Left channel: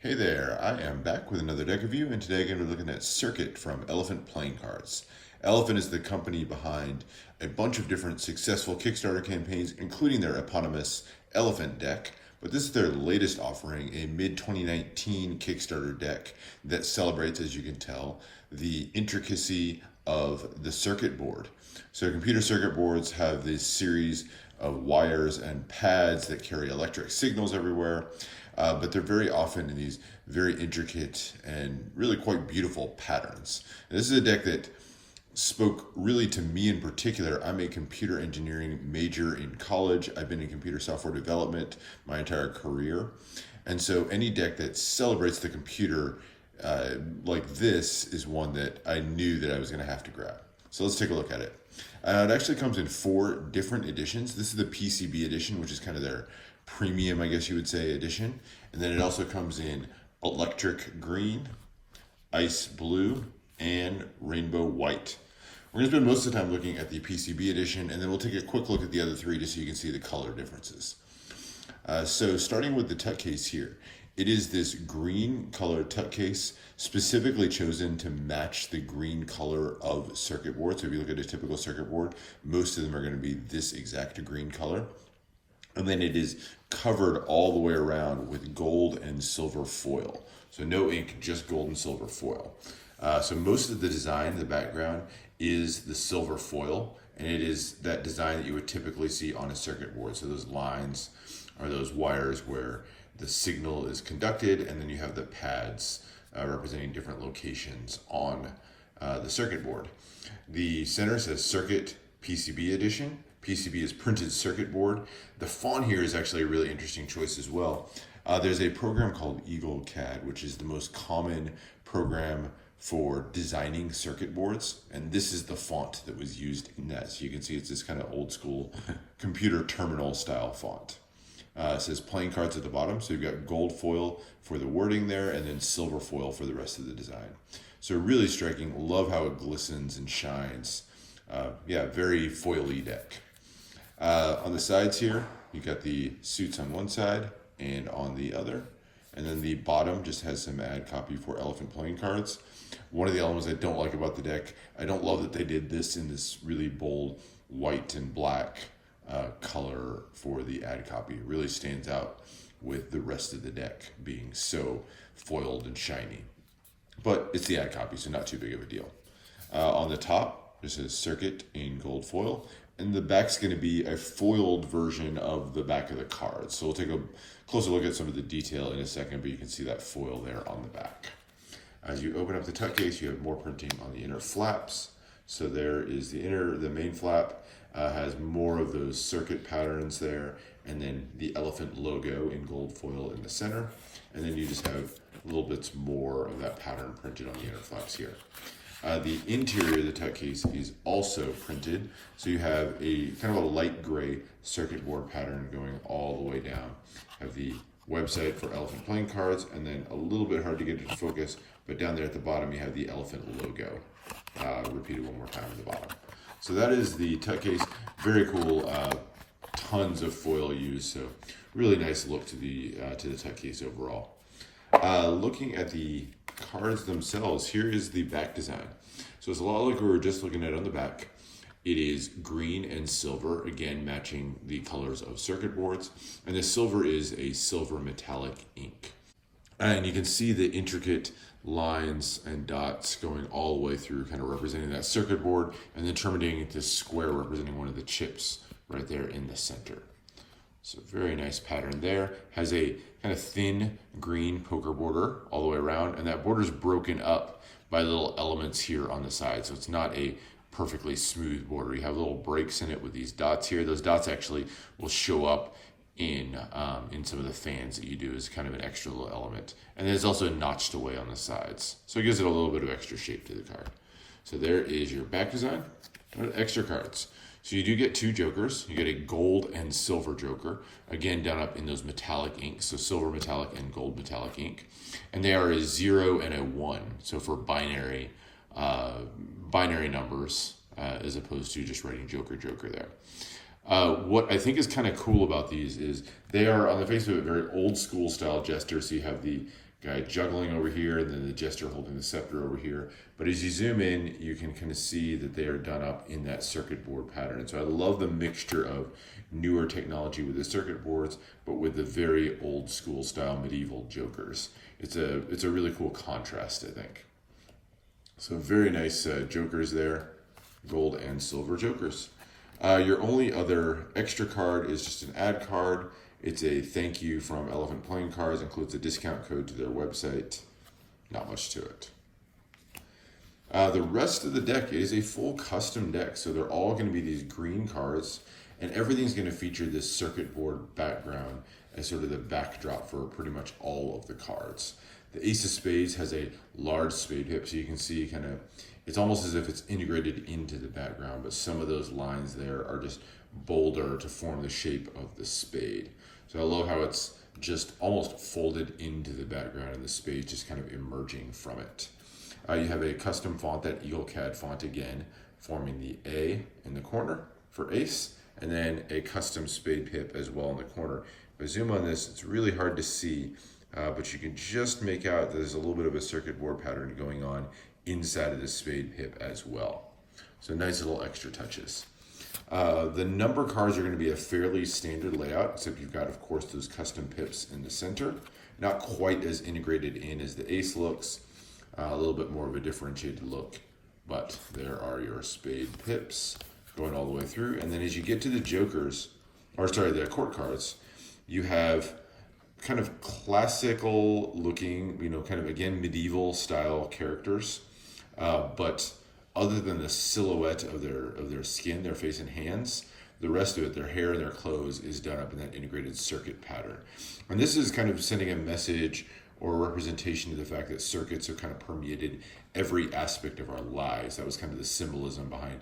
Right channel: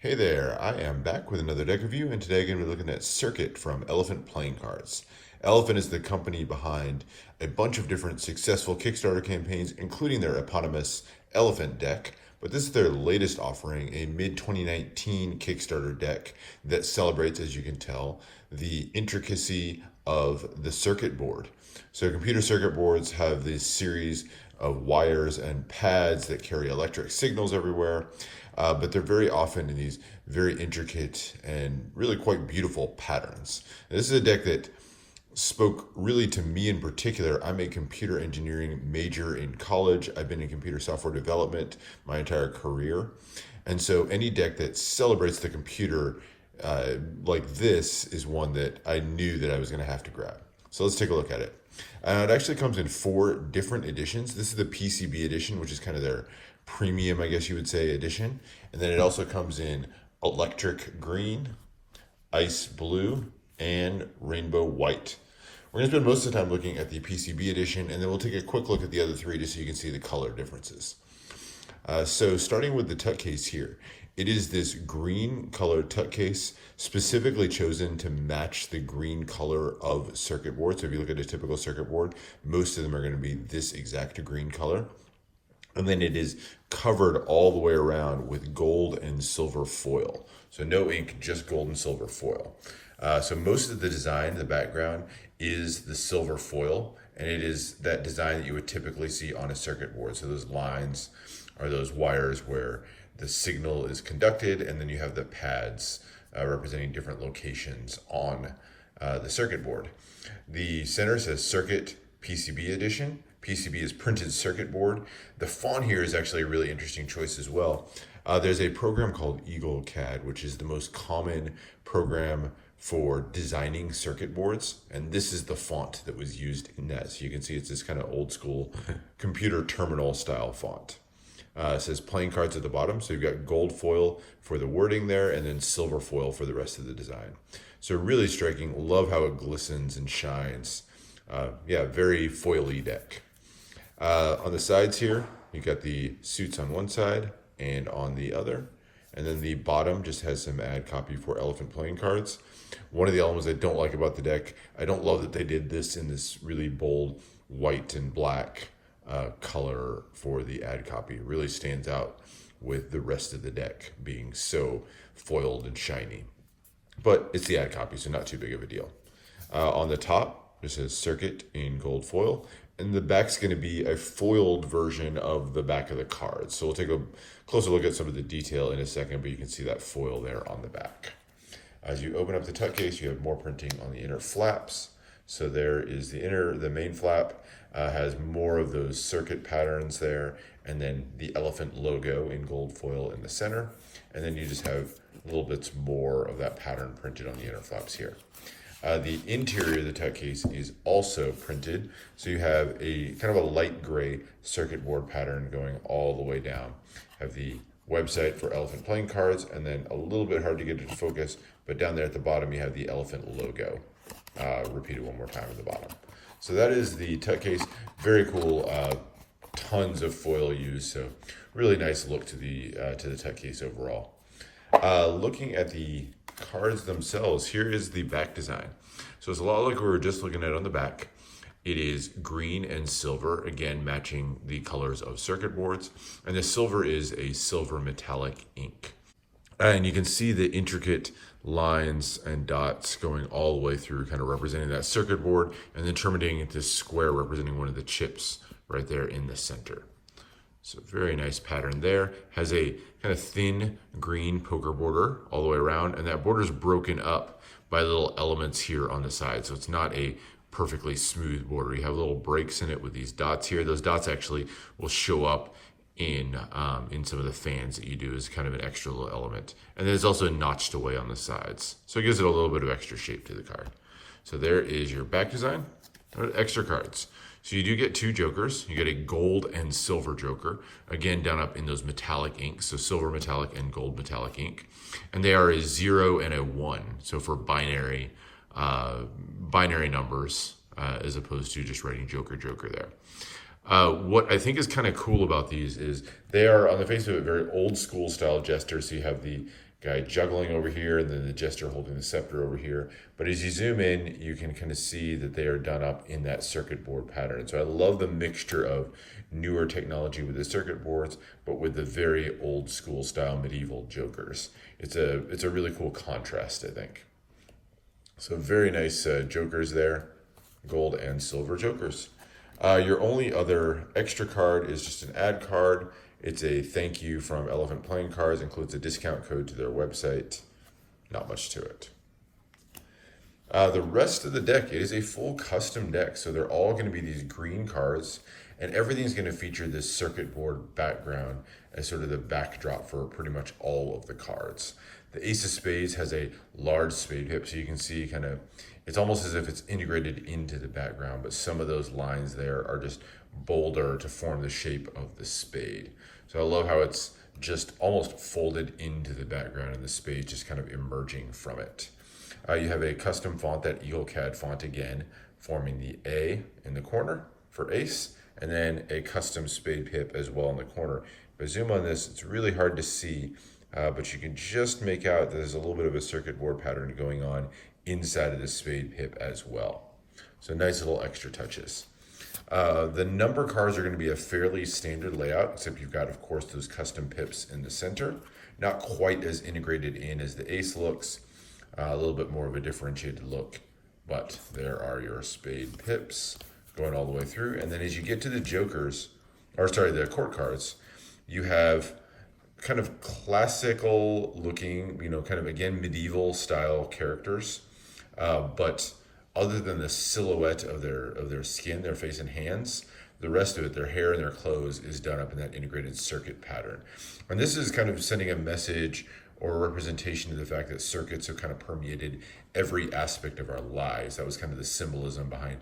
Hey there, I am back with another deck review, and today I'm going to be looking at Circuit from Elephant Playing Cards. Elephant is the company behind a bunch of different successful Kickstarter campaigns, including their eponymous Elephant deck, but this is their latest offering, a mid-2019 Kickstarter deck that celebrates, as you can tell, the intricacy of the circuit board. So computer circuit boards have this series of wires and pads that carry electric signals everywhere. But they're very often in these very intricate and really quite beautiful patterns. And this is a deck that spoke really to me in particular. I'm a computer engineering major in college. I've been in computer software development my entire career. And so any deck that celebrates the computer like this is one that I knew that I was going to have to grab. So let's take a look at it. It actually comes in 4 different editions. This is the PCB edition, which is kind of their premium, I guess you would say, edition. And then it also comes in electric green, ice blue, and rainbow white. We're going to spend most of the time looking at the PCB edition, and then we'll take a quick look at the other 3 just so you can see the color differences. So starting with the tuck case here, it is this green colored tuck case specifically chosen to match the green color of circuit board. So if you look at a typical circuit board, most of them are going to be this exact green color. And then it is covered all the way around with gold and silver foil. So no ink, just gold and silver foil. So most of the design, the background, is the silver foil, and it is that design that you would typically see on a circuit board. So those lines are those wires where the signal is conducted, and then you have the pads representing different locations on the circuit board. The center says Circuit PCB Edition. PCB is printed circuit board. The font here is actually a really interesting choice as well. There's a program called Eagle CAD, which is the most common program for designing circuit boards. And this is the font that was used in that. So you can see it's this kind of old school computer terminal style font. It says playing cards at the bottom. So you've got gold foil for the wording there, and then silver foil for the rest of the design. So really striking. Love how it glistens and shines. Very foily deck. On the sides here, you got the suits on one side and on the other. And then the bottom just has some ad copy for Elephant playing cards. One of the elements I don't like about the deck, I don't love that they did this in this really bold white and black color for the ad copy. It really stands out with the rest of the deck being so foiled and shiny. But it's the ad copy, so not too big of a deal. On the top, it says Circuit in gold foil. And the back's going to be a foiled version of the back of the card. So we'll take a closer look at some of the detail in a second, but you can see that foil there on the back. As you open up the tuck case, you have more printing on the inner flaps. So there is the main flap has more of those circuit patterns there, and then the Elephant logo in gold foil in the center. And then you just have little bits more of that pattern printed on the inner flaps here. The interior of the tuck case is also printed, so you have a kind of a light gray circuit board pattern going all the way down. You have the website for Elephant playing cards, and then a little bit hard to get it to focus, but down there at the bottom you have the Elephant logo repeated one more time at the bottom. So that is the tuck case. Very cool. Tons of foil used, so really nice look to the tuck case overall. Looking at the cards themselves, here is the back design. So it's a lot like we were just looking at on the back. It is green and silver, again matching the colors of circuit boards. And the silver is a silver metallic ink. And you can see the intricate lines and dots going all the way through, kind of representing that circuit board, and then terminating at this square representing one of the chips right there in the center. So very nice pattern there. Has a kind of thin green poker border all the way around, and that border is broken up by little elements here on the side. So it's not a perfectly smooth border. You have little breaks in it with these dots here. Those dots actually will show up in some of the fans that you do as kind of an extra little element. And then it's also notched away on the sides. So it gives it a little bit of extra shape to the card. So there is your back design. Extra cards. So you do get 2 jokers. You get a gold and silver joker, again done up in those metallic inks, so silver metallic and gold metallic ink. And they are a 0 and a 1, so for binary numbers, as opposed to just writing joker there. What I think is kind of cool about these is they are, on the face of it, very old school style jesters. So you have the guy juggling over here, and then the jester holding the scepter over here. But as you zoom in, you can kind of see that they are done up in that circuit board pattern. So I love the mixture of newer technology with the circuit boards, but with the very old school style medieval jokers. It's a really cool contrast, I think. So very nice jokers there, gold and silver jokers. Your only other extra card is just an ad card. It's a thank you from Elephant Playing Cards, includes a discount code to their website. Not much to it. The rest of the deck is a full custom deck, so they're all going to be these green cards, and everything's going to feature this circuit board background as sort of the backdrop for pretty much all of the cards. The Ace of Spades has a large spade pip, so you can see kind of, it's almost as if it's integrated into the background, but some of those lines there are just bolder to form the shape of the spade. So I love how it's just almost folded into the background and the spade just kind of emerging from it. You have a custom font, that EagleCAD font again, forming the A in the corner for Ace, and then a custom spade pip as well in the corner. If I zoom on this, it's really hard to see, but you can just make out that there's a little bit of a circuit board pattern going on inside of the spade pip as well. So nice little extra touches. The number cards are going to be a fairly standard layout, except you've got, of course, those custom pips in the center. Not quite as integrated in as the Ace looks. A little bit more of a differentiated look, but there are your spade pips going all the way through. And then as you get to the jokers, or sorry, the court cards, you have kind of classical looking, kind of again medieval style characters, but other than the silhouette of their skin, their face and hands, the rest of it, their hair and their clothes, is done up in that integrated circuit pattern. And this is kind of sending a message or a representation of the fact that circuits have kind of permeated every aspect of our lives. That was kind of the symbolism behind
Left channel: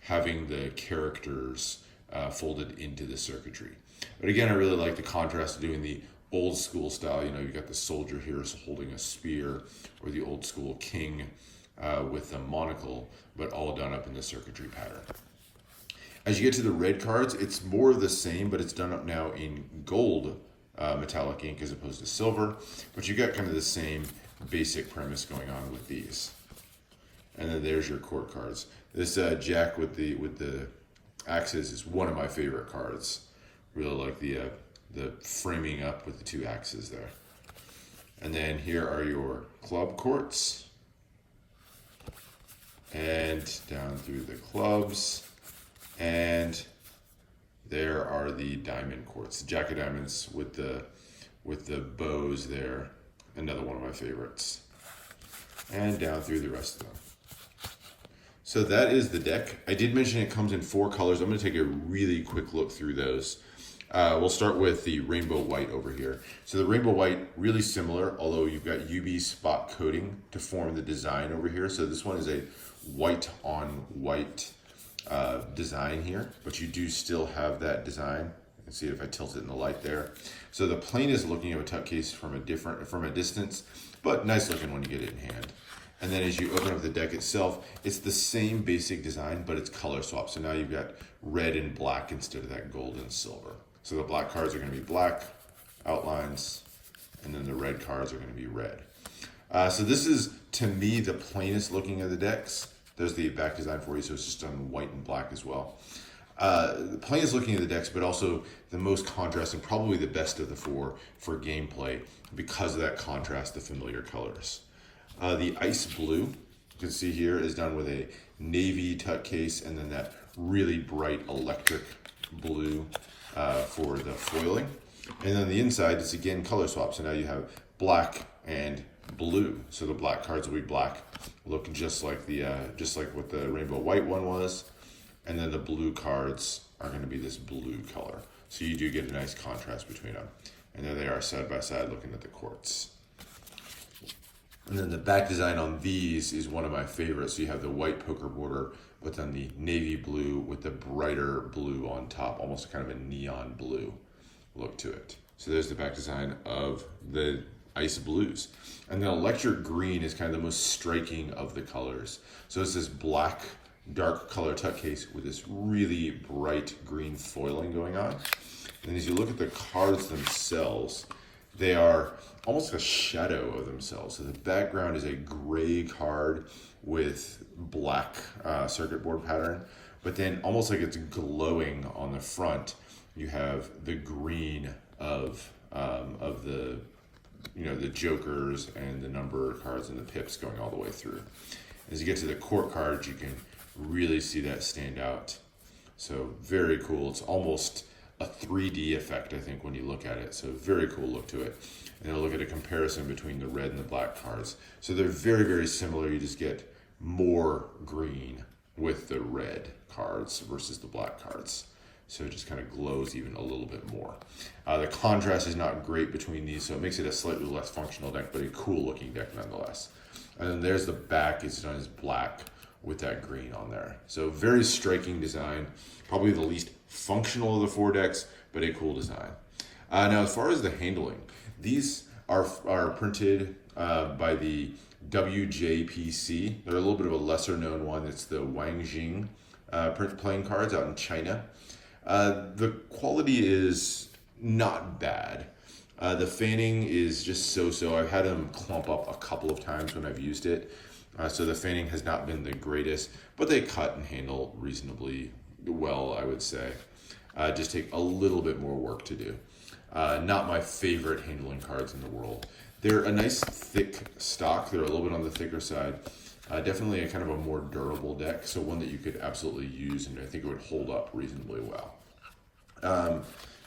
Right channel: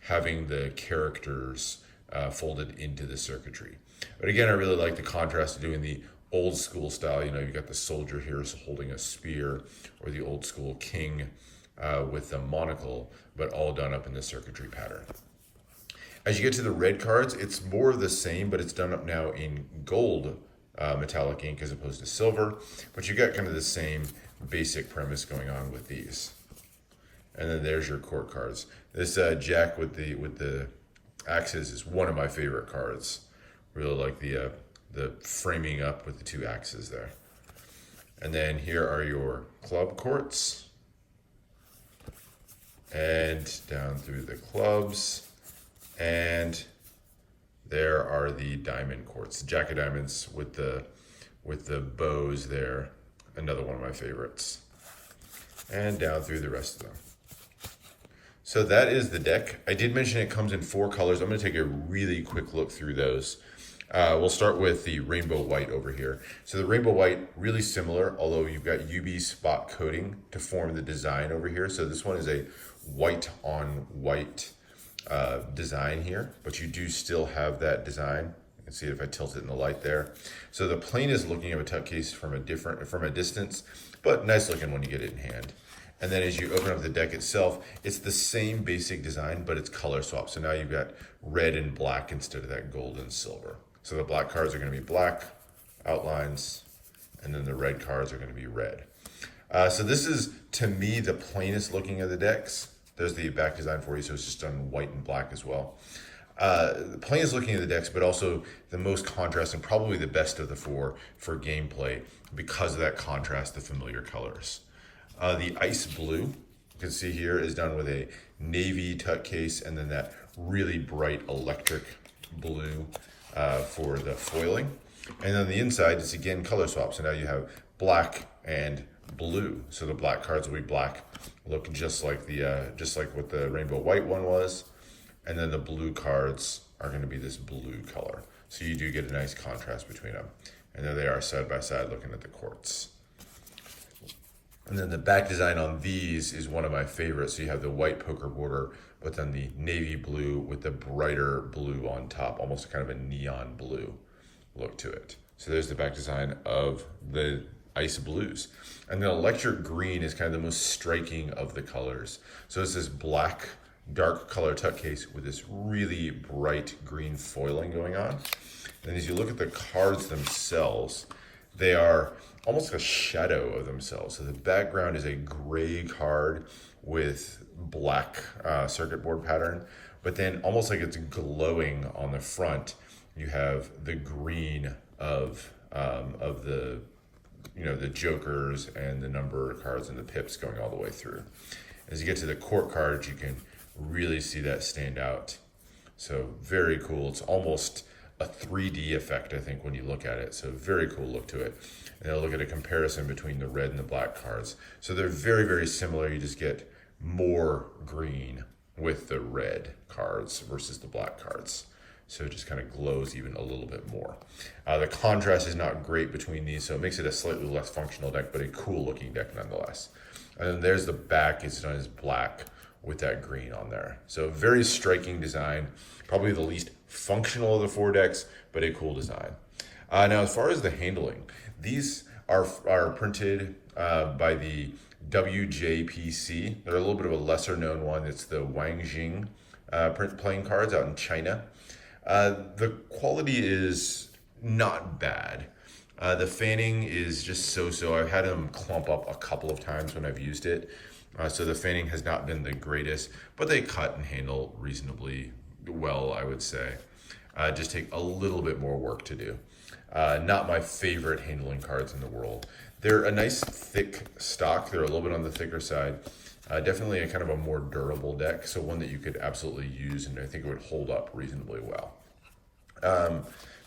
having the characters folded into the circuitry. But again, I really like the contrast of doing the old school style. You've got the soldier here holding a spear, or the old school king with the monocle, but all done up in the circuitry pattern. As you get to the red cards, it's more of the same, but it's done up now in gold metallic ink as opposed to silver, but you got kind of the same basic premise going on with these. And then there's your court cards. This Jack with the axes is one of my favorite cards. Really like the framing up with the two axes there. And then here are your club courts, and down through the clubs, and there are the diamond courts, Jack of Diamonds with the bows there, another one of my favorites. And down through the rest of them. So that is the deck. I did mention it comes in 4 colors. I'm going to take a really quick look through those. We'll start with the rainbow white over here. So the rainbow white, really similar, although you've got UV spot coating to form the design over here. So this one is a white on white design here, but you do still have that design. You can see it if I tilt it in the light there. So the plain is looking at a tuck case from a distance, but nice looking when you get it in hand. And then as you open up the deck itself, it's the same basic design, but it's color swap. So now you've got red and black instead of that gold and silver. So the black cards are going to be black outlines, and then the red cards are going to be red. So this is, to me, the plainest looking of the decks. There's the back design for you, so it's just done white and black as well. The plainest looking of the decks, but also the most contrast and probably the best of the 4 for gameplay because of that contrast, the familiar colors. The ice blue, you can see here, is done with a navy tuck case, and then that really bright electric blue for the foiling. And on the inside, it's again color swap. So now you have black and blue. So the black cards will be black, look just like what the rainbow white one was, and then the blue cards are going to be this blue color. So you do get a nice contrast between them. And there they are side by side looking at the courts. And then the back design on these is one of my favorites. So you have the white poker border, but then the navy blue with the brighter blue on top, almost kind of a neon blue look to it. So there's the back design of the ice blues. And then electric green is kind of the most striking of the colors. So it's this black dark color tuck case with this really bright green foiling going on. And as you look at the cards themselves, they are almost a shadow of themselves. So the background is a gray card with black circuit board pattern, but then almost like it's glowing on the front, you have the green of the the jokers and the number of cards and the pips going all the way through. As you get to the court cards, you can really see that stand out. So very cool. It's almost a 3D effect, I think, when you look at it. So very cool look to it. And I'll look at a comparison between the red and the black cards. So they're very, very similar. You just get more green with the red cards versus the black cards. So it just kind of glows even a little bit more. The contrast is not great between these, so it makes it a slightly less functional deck, but a cool looking deck nonetheless. And then there's the back. It's done as black with that green on there. So very striking design, probably the least functional of the 4 decks, but a cool design. Now, as far as the handling, these are printed by the WJPC. They're a little bit of a lesser known one. It's the Wangjing playing cards out in China. The quality is not bad. The fanning is just so-so. I've had them clump up a couple of times when I've used it. So the fanning has not been the greatest, but they cut and handle reasonably well, I would say. Just take a little bit more work to do. Not my favorite handling cards in the world. They're a nice thick stock. They're a little bit on the thicker side. Definitely a kind of a more durable deck, so one that you could absolutely use, and I think it would hold up reasonably well.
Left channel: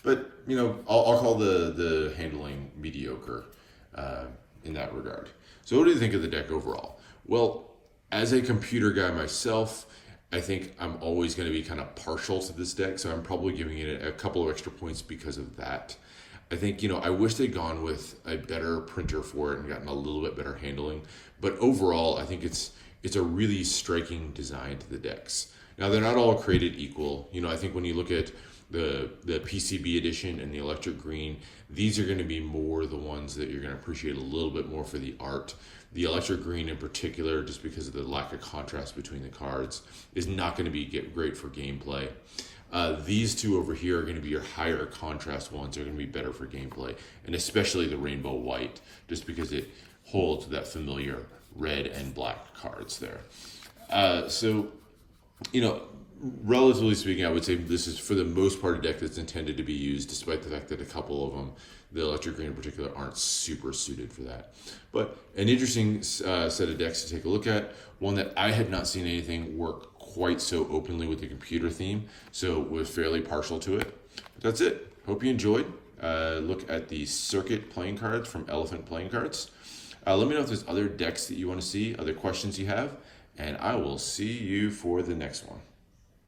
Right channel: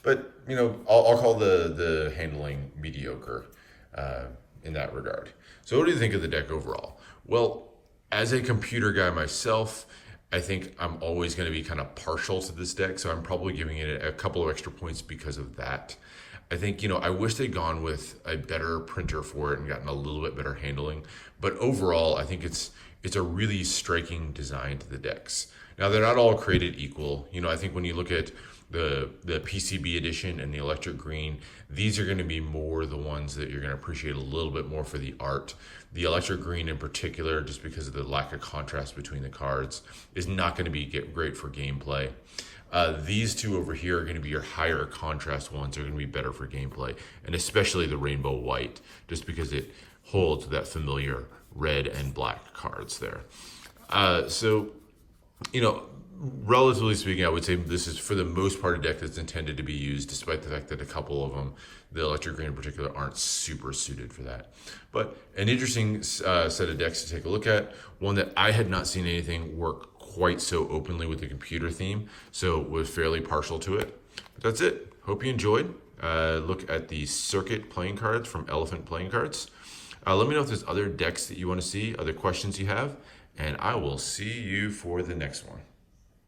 But I'll call the handling mediocre in that regard. So what do you think of the deck overall? Well, as a computer guy myself, I think I'm always going to be kind of partial to this deck, so I'm probably giving it a couple of extra points because of that. I think, I wish they'd gone with a better printer for it and gotten a little bit better handling. But overall, I think it's a really striking design to the decks. Now, they're not all created equal. I think when you look at the PCB Edition and the electric green, these are going to be more the ones that you're going to appreciate a little bit more for the art. The electric green in particular, just because of the lack of contrast between the cards, is not going to be great for gameplay. These two over here are going to be your higher contrast ones, are going to be better for gameplay, and especially the rainbow white, just because it holds that familiar red and black cards there. Relatively speaking, I would say this is for the most part a deck that's intended to be used, despite the fact that a couple of them, the electric green in particular, aren't super suited for that. But an interesting set of decks to take a look at, one that I had not seen anything work quite so openly with the computer theme, so was fairly partial to it. But that's it. Hope you enjoyed. Look at the Circuit playing cards from Elephant Playing Cards. Let me know if there's other decks that you want to see, other questions you have, and I will see you for the next one.